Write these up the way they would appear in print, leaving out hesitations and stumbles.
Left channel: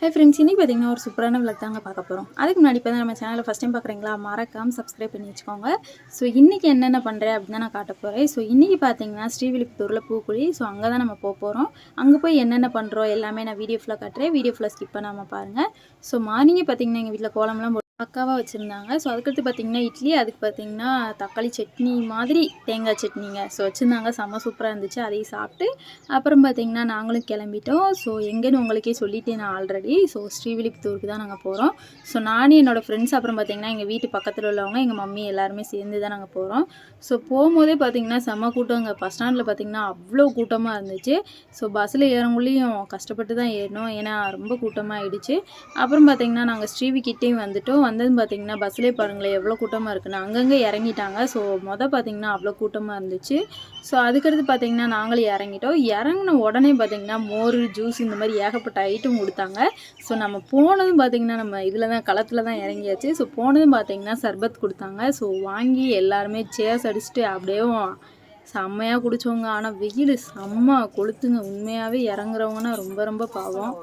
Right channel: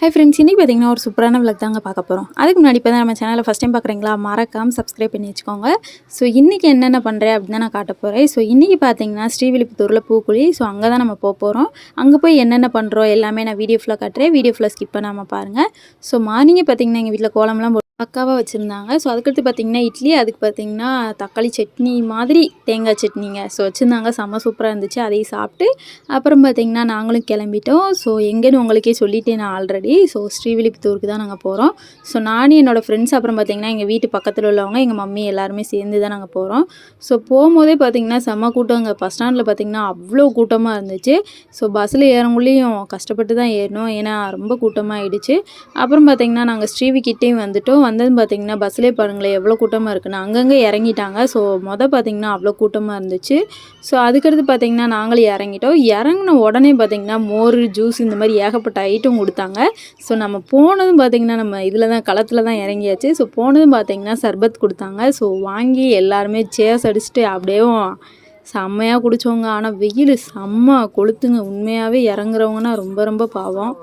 Hi friends, இன்றைக்கி பார்த்தீங்கன்னா ஒரு சூப்பரான விளாக் தாங்க பார்க்க போகிறோம். அதுக்கு முன்னாடி இப்போ தான் நம்ம சேனலை ஃபஸ்ட் டைம் பார்க்குறீங்களா, மறக்காமல் சப்ஸ்கிரைப் பண்ணி வச்சுக்கோங்க. ஸோ இன்றைக்கி என்னென்ன பண்ணுறேன் அப்படின்னு தான் நான் காட்ட போகிறேன். ஸோ இன்றைக்கி பார்த்தீங்கன்னா ஸ்ரீவில்லிபுத்தூரில் பூக்குழி. ஸோ அங்கே தான் நம்ம போகிறோம். அங்கே போய் என்னென்ன பண்ணுறோம் எல்லாமே நான் வீடியோ ஃபுல்லாக காட்டுறேன். வீடியோ ஃபுல்லாக ஸ்கிப் பண்ணாமல் பாருங்கள். ஸோ மார்னிங்கே பார்த்தீங்கன்னா எங்கள் வீட்டில் கோலம்லாம் பக்காவாக வச்சுருந்தாங்க. ஸோ அதுக்கடுத்து பார்த்திங்கன்னா இட்லி, அதுக்கு பார்த்திங்கன்னா தக்காளி சட்னி மாதிரி தேங்காய் சட்னிங்க. ஸோ வச்சுருந்தாங்க, செம்ம சூப்பராக இருந்துச்சு. அதையும் சாப்பிட்டு அப்புறம் பார்த்திங்கன்னா நாங்களும் கிளம்பிட்டோம். ஸோ எங்கேன்னு உங்களுக்கே சொல்லிட்டேன் நான் ஆல்ரெடி. ஸோ ஸ்ரீவில்லிபுத்தூருக்கு தான் நாங்கள் போகிறோம். ஸோ நானும் என்னோடய ஃப்ரெண்ட்ஸ், அப்புறம் பார்த்திங்கன்னா எங்கள் வீட்டு பக்கத்தில் உள்ளவங்க, எங்கள் மம்மி எல்லாருமே சேர்ந்து தான் நாங்கள் போகிறோம். ஸோ போகும்போதே பார்த்திங்கன்னா செம்ம கூட்டங்க. பஸ் ஸ்டாண்டில் பார்த்திங்கன்னா அவ்வளோ கூட்டமாக இருந்துச்சு. ஸோ பஸ்ஸில் ஏறங்குள்ளேயும் கஷ்டப்பட்டு தான் ஏறணும், ஏன்னா ரொம்ப கூட்டமாக ஆகிடுச்சு. அப்புறம் பார்த்திங்கன்னா நாங்கள் ஸ்ரீவிக்கிட்டேயும் வந்துட்டோம். வந்ததுன்னு பார்த்திங்கன்னா பஸ்ஸிலே பாருங்களேன் எவ்வளோ கூட்டமாக இருக்குன்னு. அங்கங்கே இறங்கிட்டாங்க. ஸோ பார்த்திங்கன்னா அவ்வளோ கூட்டமாக இருந்துச்சு. ஸோ அதுக்கடுத்து பார்த்திங்கன்னா நாங்களும் இறங்கிட்டோம். இறங்கின உடனே பார்த்திங்கன்னா மோர், ஜூஸ் இந்த மாதிரி ஏகப்பட்ட ஐட்டம் கொடுத்தாங்க. ஸோ நம்ம போனதும் பார்த்திங்கன்னா நம்ம இதில் தான் களத்தில் தான் இறங்கியாச்சு. ஸோ போனதும் பார்த்திங்கன்னா சர்பத் கொடுத்தாங்க. ஸோ வாங்கி எல்லாருமே சேர்ஸ் அடிச்சுட்டு அப்படியே செம்மையாக குடித்தவங்க. ஆனால் வெயில் செம்ம கொளுத்துங்க. உண்மையாகவே இறங்குறவங்கன்னா ரொம்ப ரொம்ப பாவம்.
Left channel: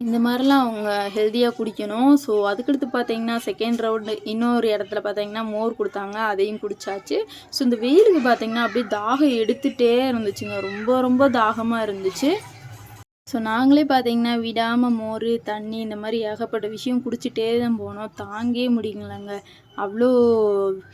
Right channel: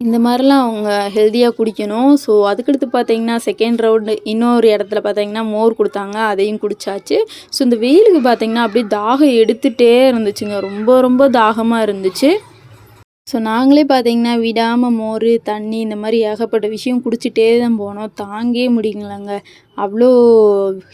இந்த மாதிரிலாம் அவங்க ஹெல்த்தியாக குடிக்கணும். ஸோ அதுக்கடுத்து பார்த்திங்கன்னா செகண்ட் ரவுண்டு இன்னொரு இடத்துல பார்த்திங்கன்னா மோர் கொடுத்தாங்க, அதையும் குடித்தாச்சு. ஸோ இந்த வெயிலுக்கு பார்த்திங்கன்னா அப்படியே தாகம் எடுத்துகிட்டே இருந்துச்சுங்க. ரொம்ப ரொம்ப தாகமாக இருந்துச்சு. ஸோ நாங்களே பார்த்திங்கன்னா விடாமல் மோர், தண்ணி இந்த மாதிரி ஏகப்பட்ட விஷயம் குடிச்சிட்டே தான் போனோம். தாங்கே முடியலங்க, அவ்வளோ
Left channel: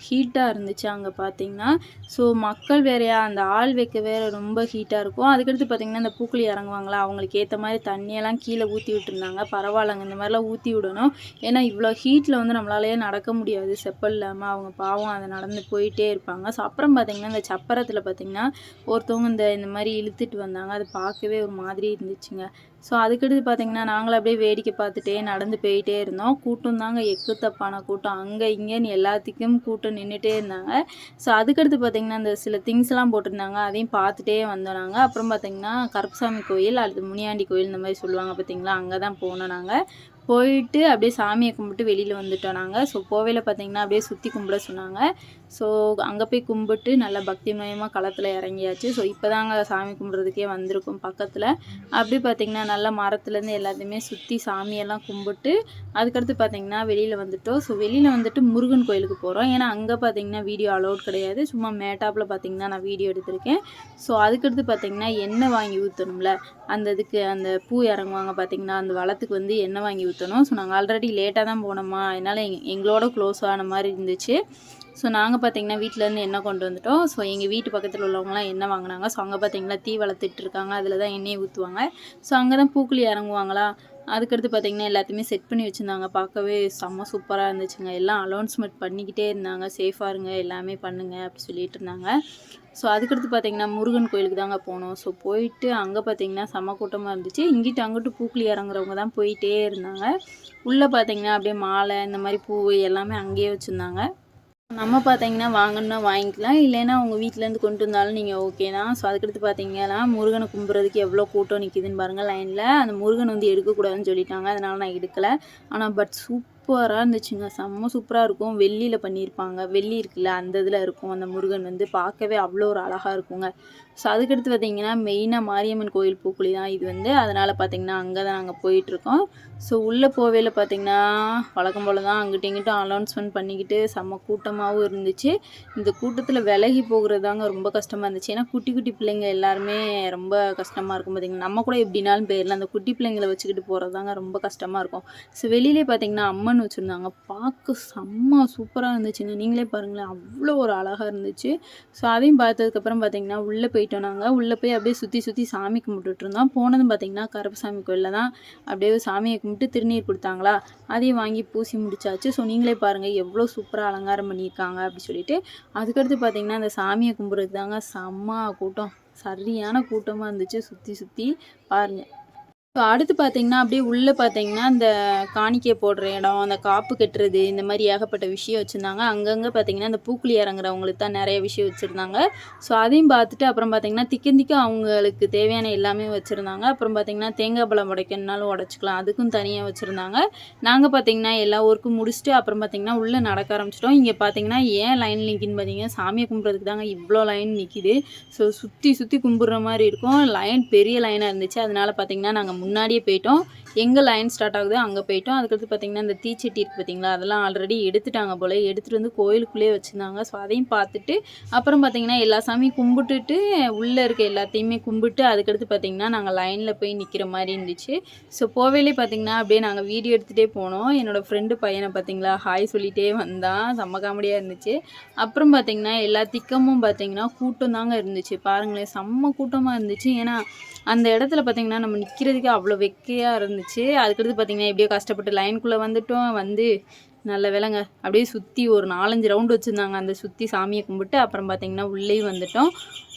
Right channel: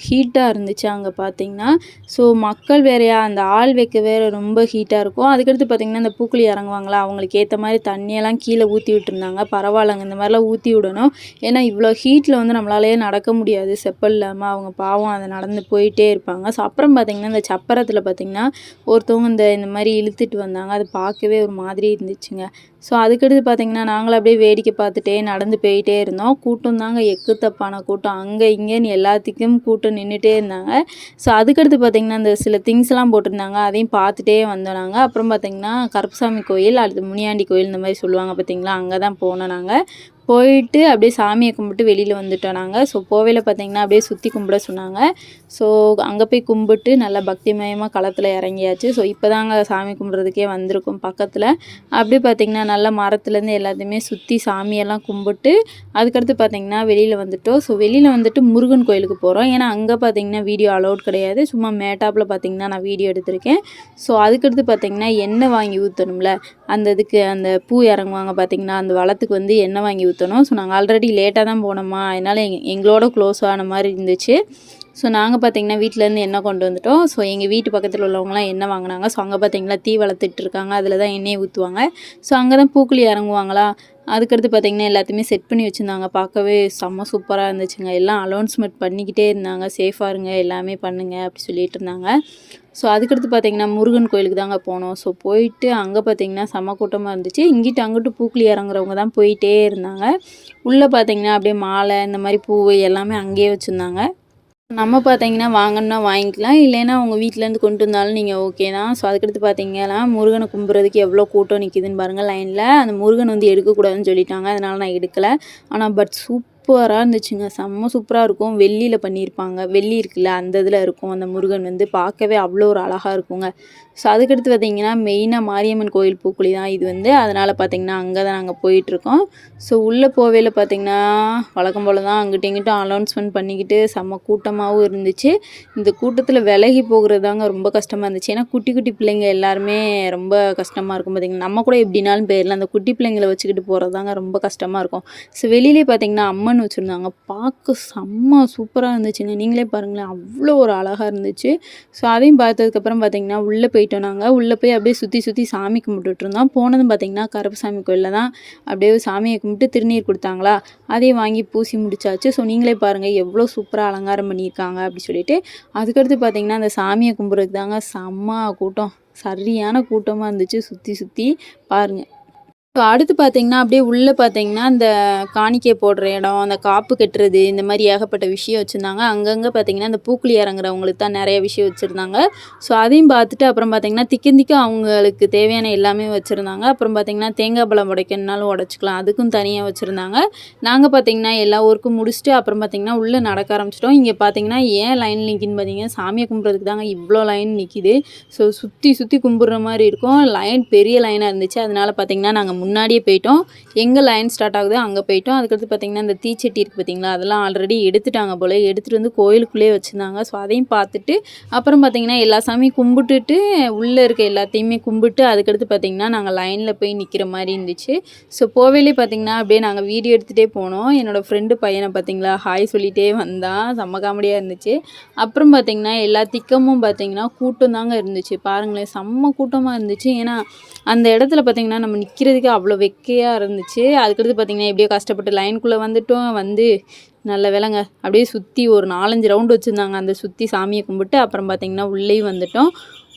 ஹீட்டாக இருந்துச்சு அங்கே பார்த்திங்கன்னா. ஸோ மக்கள் வேறையா, அந்த ஆள் வைக்க வேறு ரொம்ப ஹீட்டாக இருக்கும். அதுக்கடுத்து பார்த்திங்கன்னா இந்த பூக்குழி இறங்குவாங்களா, அவங்களுக்கு ஏற்ற மாதிரி தண்ணியெல்லாம் கீழே ஊற்றி விட்டுருந்தாங்க. பரவாயில்லைங்க, இந்த மாதிரிலாம் ஊற்றி விடணும். ஏன்னா இவ்வளோ ஹீட்டில் நம்மளாலேயே நடக்க முடியாது செப்பல் இல்லாமல். அவங்க பாவம் அதை நடந்து போயிட்டே இருப்பாங்க. ஸோ அப்புறம் பார்த்திங்கன்னா இந்த சப்பரத்தில் பார்த்திங்கன்னா ஒருத்தவங்க இந்த மாதிரி இழுத்துட்டு வந்தாங்க. அது பார்க்கவே ஒரு மாதிரி இருந்துச்சுங்க. ஸோ அதுக்கடுத்து பார்த்திங்கன்னா நாங்களும் அப்படியே வேடிக்கை பார்த்துட்டே நடந்து போயிட்டே இருந்தோம். கூட்டம் தாங்க, எக்குத்தப்பான கூட்டம். அங்கே இங்கேன்னு எல்லாத்துக்கும் கூட்டம் நின்றுட்டே இருந்தாங்க. ஸோ அதுக்கடுத்து பார்த்திங்கன்னா அந்த சில திங்ஸ்லாம் போட்டிருந்தாங்க, அதையும் பார்த்துட்டே வந்தோம் நாங்கள். அப்புறம் பார்த்திங்கன்னா கருப்புசாமி கோயில், அடுத்து முனியாண்டி கோயில் இந்த மாதிரி சொல்லுவாங்க பார்த்திங்களா, அங்கே தான் போனோம் நாங்கள். போயிட்டு அப்படியே சாமியை கும்பிட்டு வெளியில் வந்துட்டோம் நாங்கள். ஸோ கோவிலில் பார்த்திங்கன்னா அப்படியே சுற்றி கும்பிட சொன்னாங்க. ஸோ அங்கே போய் கும்பிட்டு நல்லா பக்திமயமாக களத்தில் இறங்கியாச்சு. ஸோ இப்போ தாங்க சாமி கும்பிட்றதுக்கே வந்திருக்கும் பக்கத்தில். அப்படியே பார்த்திங்கன்னா நல்லா மரத்துலேருந்து எல்லாத்தையுமே சுற்றி சாமியெல்லாம் கும்பிட்டு அதுக்கடுத்து பார்த்திங்கன்னா வெளியில் வந்துட்டோம். ஸோ வெளியில் வந்துட்டு முருகன் கோயிலுக்கு போகிறோம். ஏன்னா அங்கே பார்த்திங்கன்னா வீடியோ அலோட் கிடையாது, சும்மா மேட்டாப்பில் பார்த்திங்கன்னா நான் வீடியோ எடுத்திருக்கேன். ஸோ அதுக்கடுத்து பார்த்திங்கன்னா எண்ணெய் வாங்கி ஊற்றணும்ல, அந்த இதுக்கு அந்த பூ இறங்குவாங்க பார்த்திங்கன்னா, அந்த வளத்துக்கு எண்ணெய் வாங்கி ஊற்றணும். ஸோ நாங்கள் ஆல்ரெடி லேட்டாக தான் போனோமா, அதனால் எங்களோட க்ளோஸ் ஆன மாதிரி இருந்துச்சு. ஸோ நாங்கள் பார்த்திங்கன்னா வீட்டிலேருந்து எண்ணெய் கொண்டு வந்துட்டோம். ஸோ எங்கள் வீட்டு பக்கத்தில் உள்ளவங்களாம் எண்ணெய் வாங்கினாங்க. ஸோ அங்கே பார்த்திங்கன்னா தீ வளர்த்துட்டு இருக்காங்க, அதில் தான் எண்ணெயை ஊற்றுவாங்க. ஸோ அங்கே தான் பூக்குழி இறங்குவாங்களா. அதுக்கடுத்து பார்த்திங்கன்னா எல்லாத்தையுமே செட் பண்ணி வச்சுருந்தாங்க. பார்க்கவே செம்ம சூப்பராக இருந்துச்சுங்க. எல்லாம் அலௌன்ஸ்மெண்ட் பண்ணிக்கிட்டே இருந்தாங்க, சேஃபாக இருங்க எல்லாமே பண்ணுங்கள் அப்படி சொல்லிட்டு இருந்தாங்க. ஸோ அதுக்கடுத்து பார்த்திங்கன்னா முருகன் கோயிலுக்கு தாங்க போனோம். ஸோ போயிட்டு அங்கே பார்த்திங்கன்னா செம்ம கூட்டமாக இருந்துச்சு. இங்கிட்டு அங்கிட்டு பூக்குழி இறங்குறவங்க தான் போயிட்டே இருந்தாங்க. உள்ளே பார்த்திங்கன்னா அப்படியே மாலை இந்த மாதிரி பூ எல்லாமே அங்கேயே வச்சுருந்தாங்க. நம்ம பார்த்திங்கன்னா வாங்கணுன்னா வாங்கிக்கலாம், இல்லைன்னா உங்கள் வீட்டிலேருந்து கொண்டு வந்தாலும் நீங்கள் ஓகே தான். ஸோ அதுக்கடுத்து பார்த்திங்கன்னா முருகனை கும்பிட்றதுக்கு எவ்வளோ கூட்டம் நிற்கிதுன்னு பாருங்கள் லைனில். அந்த முருகன் எடுக்கக்கூடாதுன்னு சொல்லிட்டாங்க, அதனால் நான் எடுக்கலை. ஆனால் சூப்பராக இருந்துச்சுங்க, செம்ம சூப்பராக இருக்கும். வெள்ளியில் பண்ணியிருப்பாங்க, வெள்ளி இருக்குல்ல அந்த இதில் இருக்கும் அந்த முருகன், பார்க்கவே அவ்வளோ ஒரு அழகாக இருக்குங்க. ஸோ அதுக்கடுத்து பார்த்திங்கன்னா மெயினாக மாரியம்மன் கோயில் பூக்குழி தான் இது. அதனால் பார்த்திங்கன்னா அங்கே தான் நாங்கள் போயிட்டுருக்கோம். ஸோ உள்ளே போவேல பார்த்திங்கன்னா வழக்கம் போல் தான் அங்கிட்ட இங்கிட்ட அனௌன்ஸ்மெண்ட் பண்ணிக்கிட்டு செம்ம கூட்டமாகவும் இருந்துச்சு. இந்த கூட்டத்தில் விலகி போகிறது தாங்க ரொம்ப கஷ்டமாக இருந்துச்சு. ஏன்னா குட்டி குட்டி பிள்ளைங்க எல்லாருமே ரொம்ப கஷ்டமாக இருக்கும் பார்த்திங்கன்னா. நம்ம கூட எப்படினாலும் போயிடலாம், அந்த குட்டி பிள்ளைங்களை வச்சுக்கிட்டு போகிறது தாங்க ரொம்ப கஷ்டமாக இருக்கும். ஸோ வெளியிலே பார்த்திங்கன்னா அம்மன் வச்சுருந்தாங்க, பார்க்க செம்ம சூப்பராக இருந்துச்சுங்க. நீங்களே பாருங்களேன், அவ்வளோ ஒரு அழகாக இருந்துச்சு. ஸோ அதையும் பார்த்ததுக்கப்புறம் பார்த்திங்கன்னா உள்ளே போயிட்டோம் நாங்கள். உள்ளே போய் அப்படியே சுற்றி சுற்றி சாமி கும்பிட்டுட்டு இருந்தோம். போனதும் பார்த்திங்கன்னா கருப்புசாமி கோயிலில் தான் அப்படியே சாமியை கும்பிட்டு திருநீர் கொடுத்தாங்களா, அதையும் வாங்கி பூசி முடிச்சாச்சு. ஸோ நீங்களே பாருங்கள் எவ்வளோ சூப்பராக அலங்காரம் பண்ணியிருக்காங்க அப்படி சொல்லிட்டு. அதுக்கடுத்து பார்த்திங்கன்னா அந்த சாமியை கும்பிட்றதுக்கு தாங்க செம்ம கூட்டம், சரியான கூட்டமாக இருந்துச்சு. சுற்றி சுற்றி பாருங்கள். ஸோ அடுத்து பார்த்திங்கன்னா அப்படியே உள்ளே பார்த்திங்கன்னா இந்த காணிக்கை போடுற இடம், அந்த காப்பு கட்டுறது இந்த மாதிரி ஏகப்பட்ட விஷயம் வச்சுருந்தாங்க. அங்கங்கே பார்த்திங்கன்னா இந்த பூக்குழி இறங்குறவங்களுக்கு தான் நிறைய விஷயம் வச்சுருந்தாங்க. ஸோ அதையும் பார்த்துட்டு அப்புறம் பார்த்திங்கன்னா திக்க அவங்களுக்கு தேவையான எல்லாமே வச்சுருந்தாங்க. அப்புறம் பார்த்திங்கன்னா தேங்காய் பழம் உடைக்கணுனாலும் உடச்சிக்கலாம், அதுக்கும் தனியாக வச்சுருந்தாங்க. நாங்கள் பார்த்திங்கன்னா எல்லா ஒர்க்கும் முடிச்சுட்டு அப்புறம் பார்த்திங்கன்னா உள்ளே நடக்க ஆரம்பிச்சிட்டோம். இங்கே பார்த்திங்கன்னா ஏன் லைன் நிற்கின்னு பார்த்திங்கன்னா சாமியை கும்பிட்றதுக்கு தாங்க இவ்வளோ லைன் நிற்கிது. ஸோ சுற்றி சுற்றி கும்பிட்ற மாதிரி இருக்கும். லைன் பெரிய லைனாக இருந்துச்சு. அதனால் பார்த்திங்கன்னா நாங்கள் முன்னாடியே போயிட்டோம். எங்கே லைன் ஸ்டார்ட் ஆகுதோ அங்கே போயிட்டோம். அதுக்கடுத்து பார்த்திங்கன்னா இந்த தீச்சட்டி இருக்குது பார்த்திங்களா, அதெல்லாம் ஆல்ரெடி எடுத்துட்டாங்க போல். எடுத்துகிட்டு வந்து கோயிலுக்குள்ளேயே வச்சுருந்தாங்க. ஸோ அதையும் பார்த்துட்டு அப்புறம் பார்த்திங்கன்னா எல்லா சாமியும் கும்பிட்டுட்டு உள்ளே இருக்க எல்லாத்தையுமே கும்பிட்டு அதுக்கடுத்து பார்த்திங்கன்னா நாங்கள் லைனில் போய் நிற்கிற மாதிரி இருந்துச்சு. ஸோ போவேலே பார்த்திங்கன்னா அப்படியே நாங்கள் வீடியோ எடுத்துகிட்டே போனோம். என்னோடய ஃப்ரெண்டு பையனை பார்த்திங்களா ஹாய் சொல்லிகிட்டே வந்தான். செம்ம காமெடியாக இருந்துச்சு. அப்புறம் பார்த்திங்கன்னா எல்லா திக்கமும் பார்த்திங்கன்னா கூட்டம் தாங்க இருந்துச்சு. பாருங்களேன், செம்ம கூட்டமாக இருந்துச்சு. ஏன்னா அந்த இடத்துல பார்த்திங்கன்னா நம்ம நிற்கிறதுக்கு அவ்வளோ வெக்கையாக இருந்துச்சு. அதுக்கடுத்து பார்த்திங்கன்னா எப்படியோ கஷ்டப்பட்டு லைனுக்குள்ளே வந்துட்டோம். வந்து நல்ல வேலைங்க அப்படியே சுற்றி ஒரு 4-5 ரவுண்டு வச்சுருந்தாங்க. அந்த சுற்றி சாமியை கும்பிட்டு அப்புறம் பார்த்திங்கன்னா உள்ளேயும் வந்துட்டோம்.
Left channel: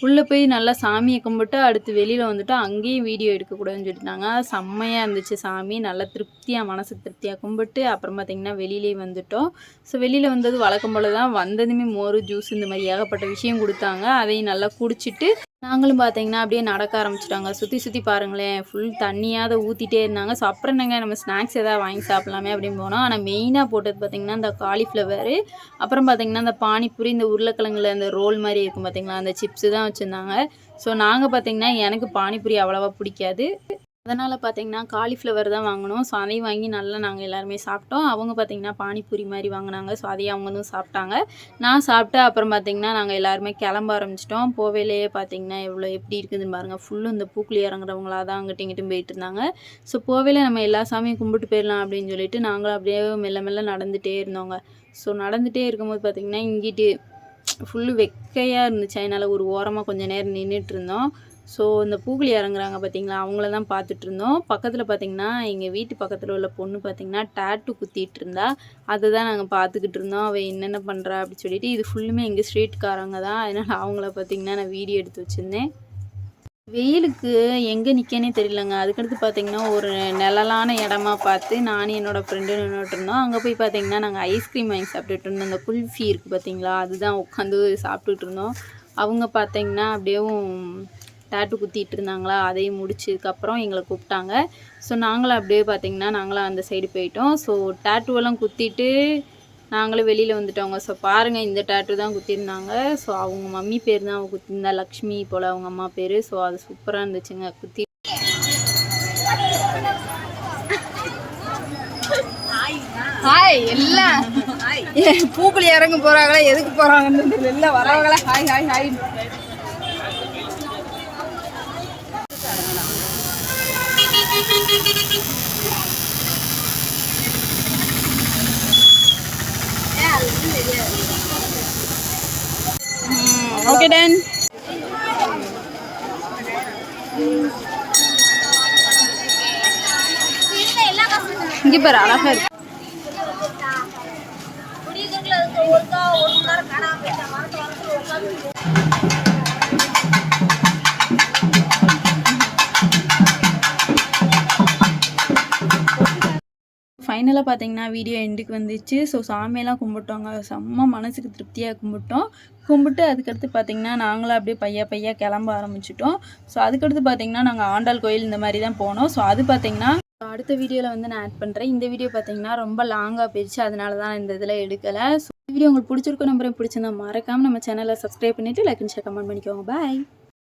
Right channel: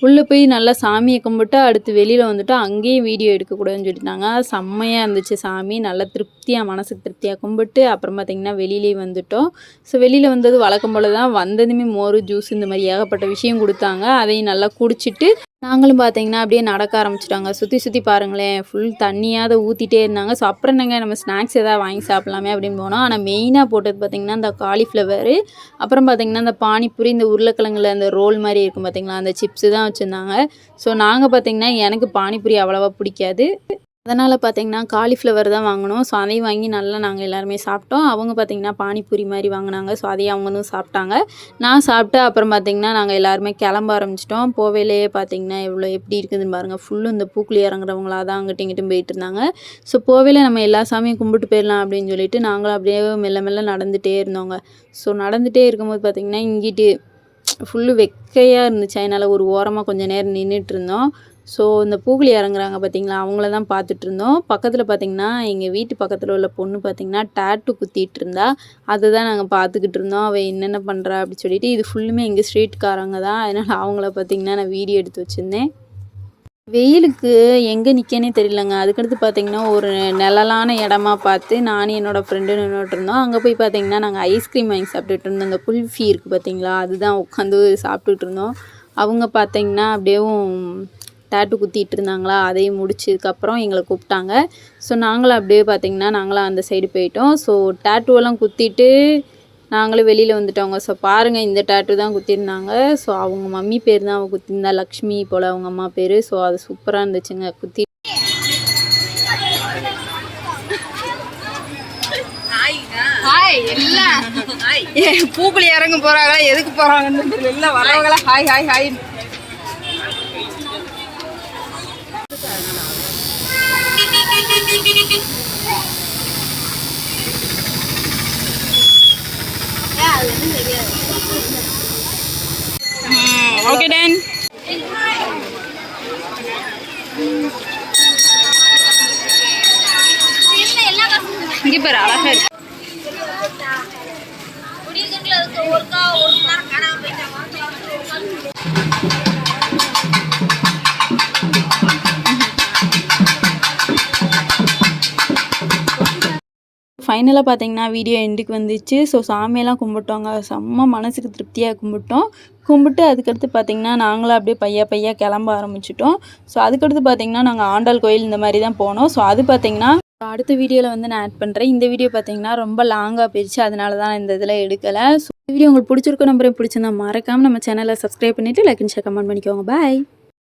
உள்ளே போய் நல்லா சாமியை கும்பிட்டு அடுத்து வெளியில் வந்துட்டோம். அங்கேயும் வீடியோ எடுக்கக்கூடாதுன்னு சொல்லிட்டாங்க. செம்மையாக இருந்துச்சு சாமி. நல்லா திருப்தியாக, மனசுக்கு திருப்தியாக கும்பிட்டு அப்புறம் பார்த்திங்கன்னா வெளியிலேயே வந்துட்டோம். ஸோ வெளியில் வந்தது வழக்கம் போல் தான். வந்ததுமே மோர், ஜூஸ் இந்த மாதிரி ஏகப்பட்ட விஷயம் கொடுத்தாங்க. அதையும் நல்லா குடிச்சிட்டு நாங்களும் பார்த்திங்கன்னா அப்படியே நடக்க ஆரம்பிச்சிட்டாங்க. சுற்றி சுற்றி பாருங்களேன், ஃபுல் தண்ணியாவது ஊற்றிட்டே இருந்தாங்க. ஸோ அப்புறம் என்னங்க நம்ம ஸ்நாக்ஸ் எதாவது வாங்கி சாப்பிட்லாமே அப்படின்னு போனோம். ஆனால் மெயினாக போட்டது பார்த்திங்கன்னா இந்த காலிஃப்ளவரு, அப்புறம் பார்த்திங்கன்னா இந்த பானிபூரி, இந்த உருளைக்கிழங்குல அந்த ரோல் மாதிரி இருக்கும் பார்த்திங்களா, அந்த சிப்ஸு தான் வச்சுருந்தாங்க. ஸோ நாங்கள் பார்த்திங்கன்னா எனக்கு பானிபூரி அவ்வளோவா பிடிக்காது. அதனால் பார்த்திங்கன்னா காலிஃப்ளவர் தான் வாங்கினோம். ஸோ அதையும் வாங்கி நல்லா நாங்கள் எல்லாருமே சாப்பிட்டோம். அவங்க பார்த்திங்கன்னா பானிபூரி மாதிரி வாங்கினாங்க. ஸோ அதையும் அவங்களும் சாப்பிட்டாங்க. நான் சாப்பிட்டு அப்புறம் பார்த்திங்கன்னா நாங்கள் எல்லாருமே கிளம்ப ஆரம்பிச்சிட்டோம். போவேலையே பார்த்திங்கன்னா எப்படி இருக்குதுன்னு பாருங்கள். ஃபுல்லும் இந்த பூக்குழி இறங்குறவங்களா தான் அங்கிட்டும் இங்கிட்டும் போயிட்டு இருந்தாங்க. ஸோ போவேல நம்ம எல்லா சாமியும் கும்பிட்டு போயிடலாம் அப்படின்னு சொல்லிட்டு நாங்களும் அப்படியே மெல்ல மெல்ல நடந்துகிட்டே இருந்தோங்க. ஸோ நடந்துகிட்டே இருக்கும்போது பார்த்திங்கன்னா இங்கிட்டு ஃபுல்லு வெக்கையாக இருந்துச்சு. அதனால் ஒரு ஓரமாக கொஞ்சம் நேரம் நின்றுட்டு இருந்தோம். ஸோ இந்த பூக்குழி இறங்குறாங்க பார்த்திங்களா, அவங்கள தான் பார்த்துட்டு இருந்தோம். பக்கத்தில் பார்த்திங்கன்னா எங்கள் வீட்டு பக்கத்தில் உள்ள பொண்ணு பார்த்திங்கன்னா டேட்டு குத்திட்டு இருந்தா. அதை தான் நாங்கள் பார்த்துக்கிட்டு இருந்தோம். அவள் என்னென்ன பண்ணுறா அப்படின்னு சொல்லிட்டு. இது ஃபுல்லுமே எங்கள் ஸ்ட்ரீட்காரங்க தான். அதனால் அவங்கள பார்த்திங்கன்னா நான் வீடியோ எடுத்து வச்சுருந்தேன். வெயிலுக்கு எங்கே நிற்கனே தெரியலங்க. அதுக்கடுத்து பார்த்திங்கன்னா ஒரு நிழலான இடமா பார்த்து நானும் என்னோடய ஃப்ரெண்டு நின்றுட்டு இருந்தோம். அங்கே போய் பார்த்திங்கன்னா நாங்கள் ஐஸ்கிரீம் வாங்கி சாப்பிட்டுட்டு இருந்தோம். அந்த குல்ஃபி இருக்குது பார்த்திங்களா, அதுதான் உட்காந்து சாப்பிட்டுட்டு இருந்தோம். அவங்க பார்த்திங்கன்னா அப்படியேவும் டேட்டு குத்திட்டு இருந்தாங்களா, அதையும் முடிச்சதுக்கப்புறம் எங்களை கூப்பிட்டாங்க. ஸோ நாங்களும் அப்படியே பார்த்திங்கன்னா நாங்களும் அந்த சைடு போயிட்டோம். ஸோ டேட்டூவெல்லாம் குத்திட்டு நாங்களும் வெளியில் வந்துட்டோங்க. ஸோ பாருங்கள், இந்த டேட்டு தான் குத்திருந்தாங்க. ஸோ அவங்க மம்மி பேர் தான் அவங்க குத்திருந்தா, லக்ஷ்மி போல் அவங்க அம்மா பேர். ஸோ அது சூப்பராக இருந்துச்சுங்க. பூக்குழி இறங்க போகிறாங்களா, எதுக்கு போகிறாங்கன்னு தெரியல. வரவங்களா hi hi hi. Okay done. இங்கே பாரு, அழகா இருக்கு. ஃபைனலாக பார்த்தீங்கன்னா வீடியோ எண்டுக்கு வந்துச்சு. ஸோ சாமியெல்லாம் கும்பிட்டோங்க. செம்ம மனசுக்கு திருப்தியாக கும்பிட்டு அதுக்கடுத்து பார்த்திங்கன்னா நாங்களும் அப்படியே பையா கிளம்ப ஆரம்பிச்சிட்டோம். ஸோ அதுக்கடுத்து பார்த்திங்கன்னா நாங்கள் ஆண்டாள் கோயில் இந்த மாதிரி தான் போனோம். ஸோ அது பார்த்திங்கன்னா அடுத்த வீடியோவில் வந்து நான் ஆட் பண்ணுறேன். இந்த வீடியோ பார்த்திங்கன்னா ரொம்ப லாங்காக போயிடுச்சு. அதனால தான் இந்த இதில் எடுக்கலை. ஸோ இந்த வீடியோ உங்களுக்கு பிடிச்சிருக்கோம். நம்பரையும் பிடிச்சிருந்தா மறக்காமல் நம்ம சேனலை சப்ஸ்கிரைப் பண்ணிவிட்டு லைக் அண்ட் ஷேர் கமெண்ட் பண்ணிக்கோங்க. பாய்.